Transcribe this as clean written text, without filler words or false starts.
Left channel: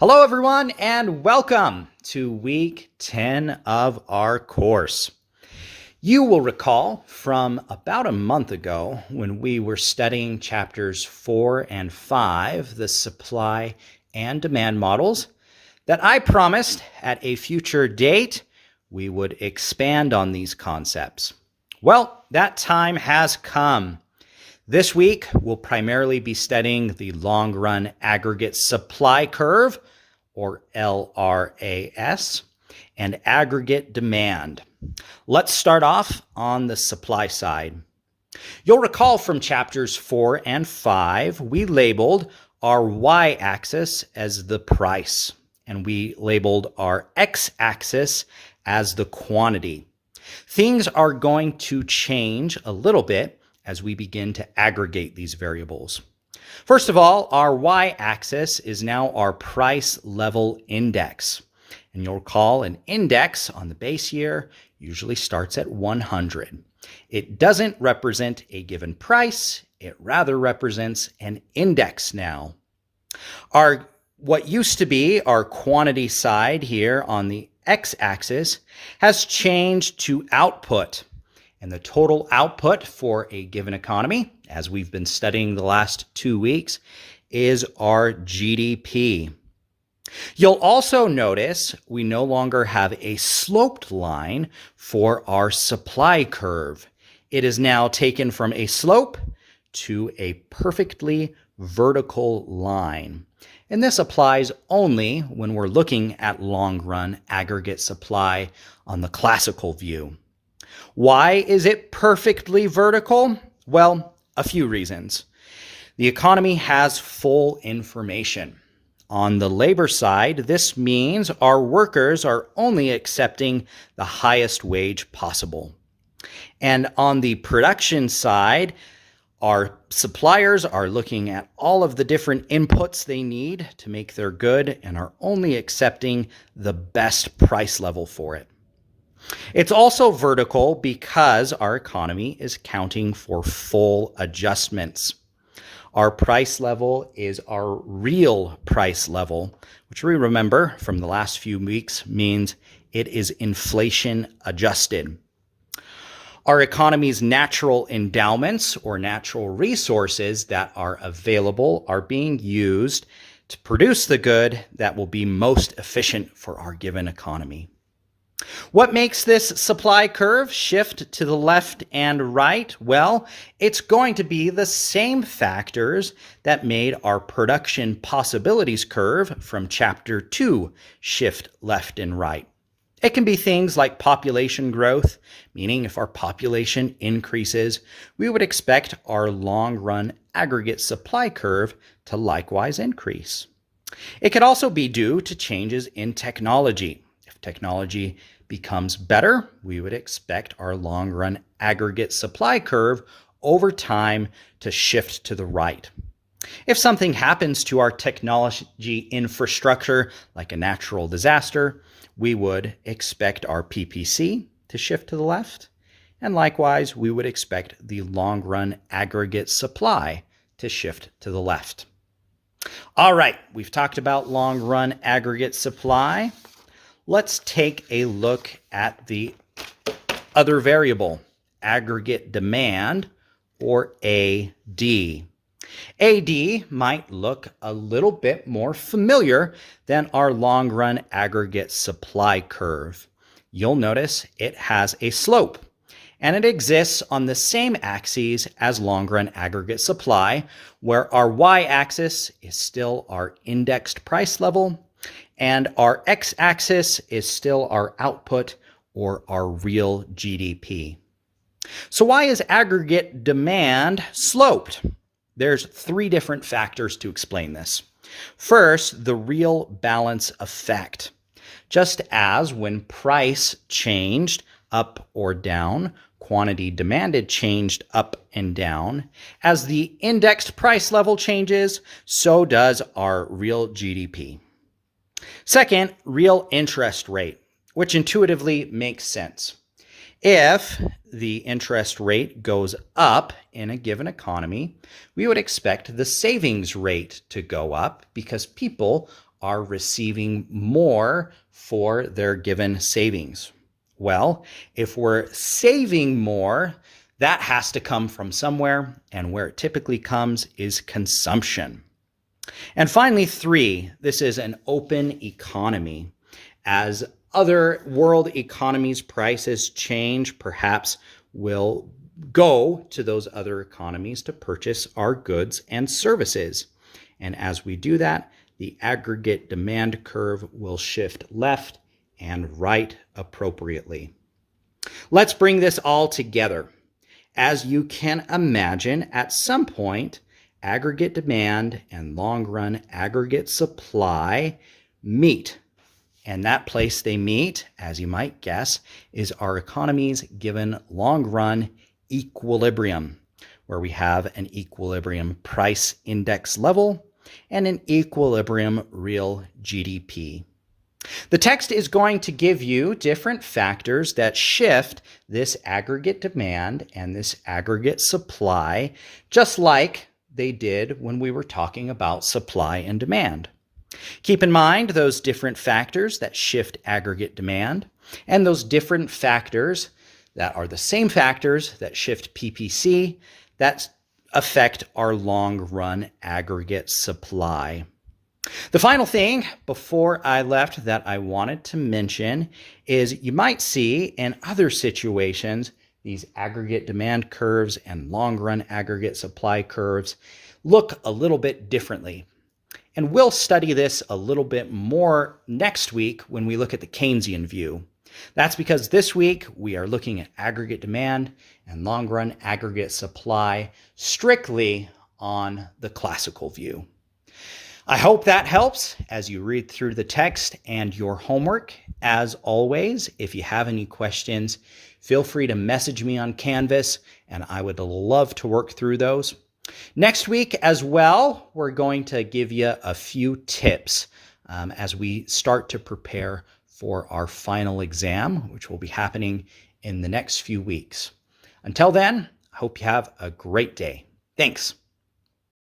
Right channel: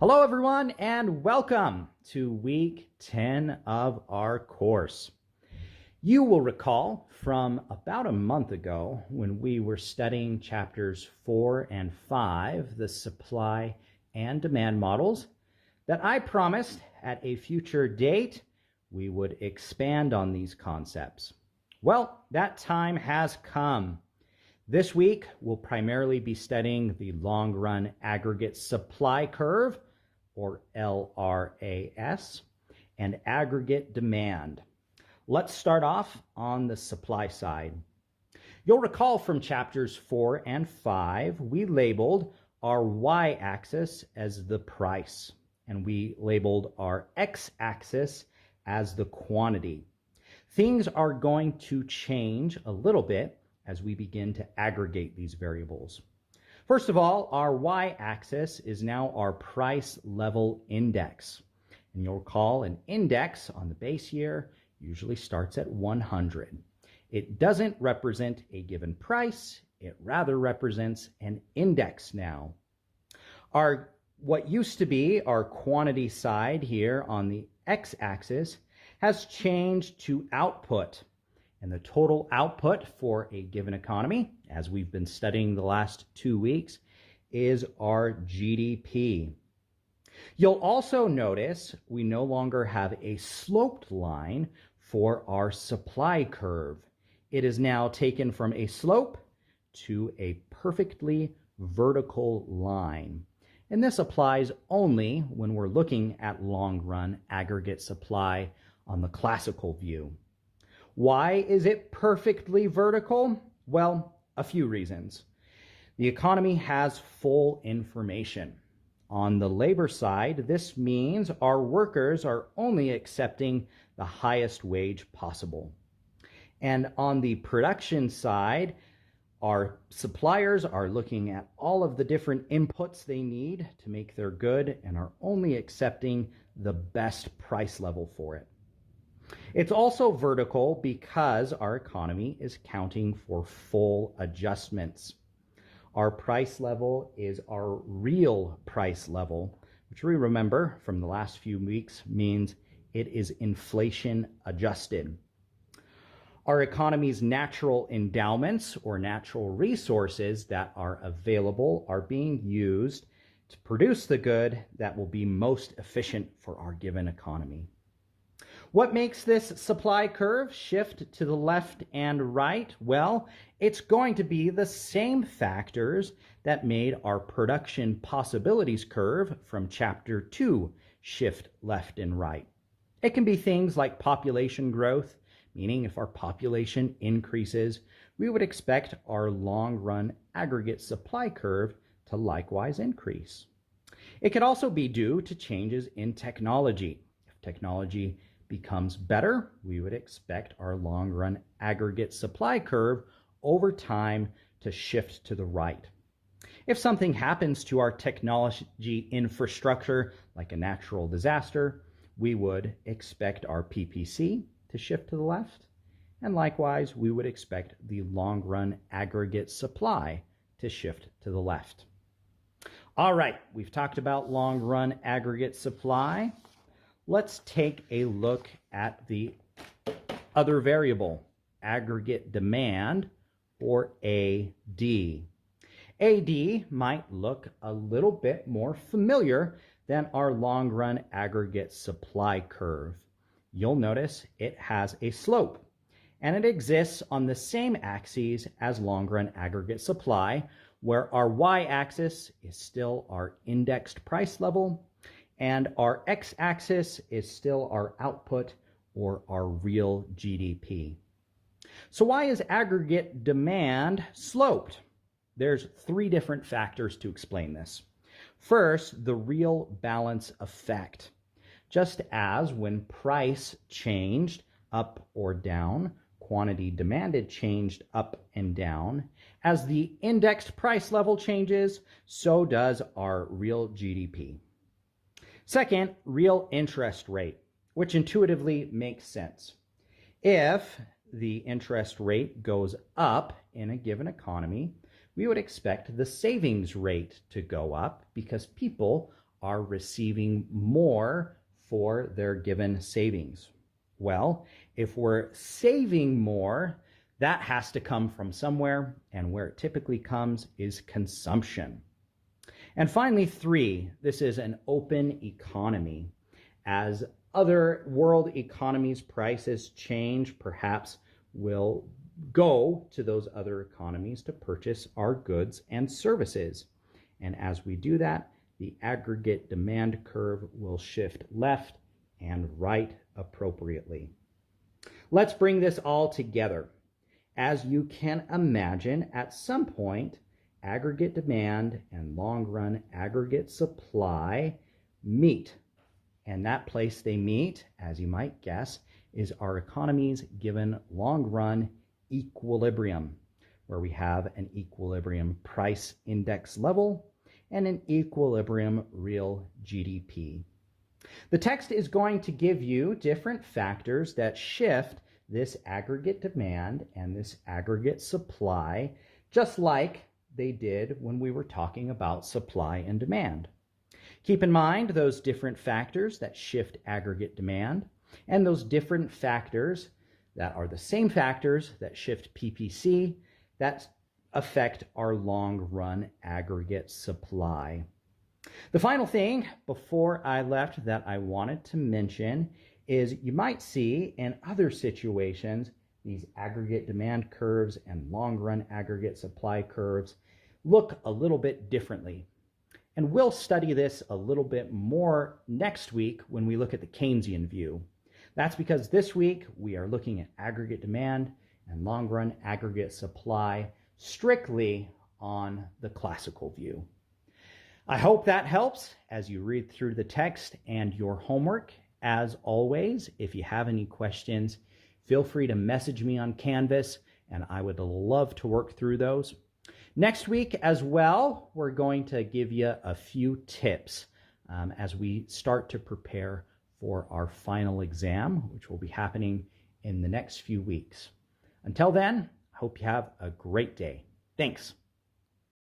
Hello, everyone, and welcome to week 10 of our course. You will recall from about a month ago when we were studying chapters 4 and 5, the supply and demand models, that I promised at a future date we would expand on these concepts. Well, that time has come. This week, we'll primarily be studying the long-run aggregate supply curve, or LRAS, and aggregate demand. Let's start off on the supply side. You'll recall from chapters 4 and 5, we labeled our y-axis as the price, and we labeled our x-axis as the quantity. Things are going to change a little bit as we begin to aggregate these variables. First of all, our y-axis is now our price level index. And you'll recall an index on the base year usually starts at 100. It doesn't represent a given price, it rather represents an index now. What used to be our quantity side here on the x-axis has changed to output. And the total output for a given economy, as we've been studying the last 2 weeks, is our GDP. You'll also notice we no longer have a sloped line for our supply curve. It is now taken from a slope to a perfectly vertical line. And this applies only when we're looking at long-run aggregate supply on the classical view. Why is it perfectly vertical? Well, a few reasons. The economy has full information. On the labor side, this means our workers are only accepting the highest wage possible. And on the production side, our suppliers are looking at all of the different inputs they need to make their good and are only accepting the best price level for it. It's also vertical because our economy is counting for full adjustments. Our price level is our real price level, which we remember from the last few weeks means it is inflation adjusted. Our economy's natural endowments or natural resources that are available are being used to produce the good that will be most efficient for our given economy. What makes this supply curve shift to the left and right? Well, it's going to be the same factors that made our production possibilities curve from chapter 2 shift left and right. It can be things like population growth, meaning if our population increases, we would expect our long-run aggregate supply curve to likewise increase. It could also be due to changes in technology. If technology becomes better, we would expect our long-run aggregate supply curve over time to shift to the right. If something happens to our technology infrastructure, like a natural disaster, we would expect our PPC to shift to the left, and likewise, we would expect the long-run aggregate supply to shift to the left. All right, we've talked about long-run aggregate supply. Let's take a look at the other variable, aggregate demand, or AD. AD might look a little bit more familiar than our long-run aggregate supply curve. You'll notice it has a slope, and it exists on the same axes as long-run aggregate supply, where our y-axis is still our indexed price level, and our x-axis is still our output or our real GDP. So why is aggregate demand sloped? There's 3 different factors to explain this. First, the real balance effect. Just as when price changed up or down, quantity demanded changed up and down. As the indexed price level changes, so does our real GDP. Second, real interest rate, which intuitively makes sense. If the interest rate goes up in a given economy, we would expect the savings rate to go up because people are receiving more for their given savings? Well, if we're saving more, that has to come from somewhere, and where it typically comes is consumption. And finally, 3, this is an open economy. As other world economies' prices change, perhaps we'll go to those other economies to purchase our goods and services. And as we do that, the aggregate demand curve will shift left and right appropriately. Let's bring this all together. As you can imagine, at some point, aggregate demand and long-run aggregate supply meet. And that place they meet, as you might guess, is our economy's given long-run equilibrium, where we have an equilibrium price index level and an equilibrium real GDP. The text is going to give you different factors that shift this aggregate demand and this aggregate supply, just like they did when we were talking about supply and demand. Keep in mind those different factors that shift aggregate demand and those different factors that are the same factors that shift PPC that affect our long-run aggregate supply. The final thing before I left that I wanted to mention is you might see in other situations these aggregate demand curves and long-run aggregate supply curves look a little bit differently. And we'll study this a little bit more next week when we look at the Keynesian view. That's because this week we are looking at aggregate demand and long-run aggregate supply strictly on the classical view. I hope that helps as you read through the text and your homework. As always, if you have any questions, feel free to message me on Canvas, and I would love to work through those. Next week as well, we're going to give you a few tips as we start to prepare for our final exam, which will be happening in the next few weeks. Until then, I hope you have a great day. Thanks.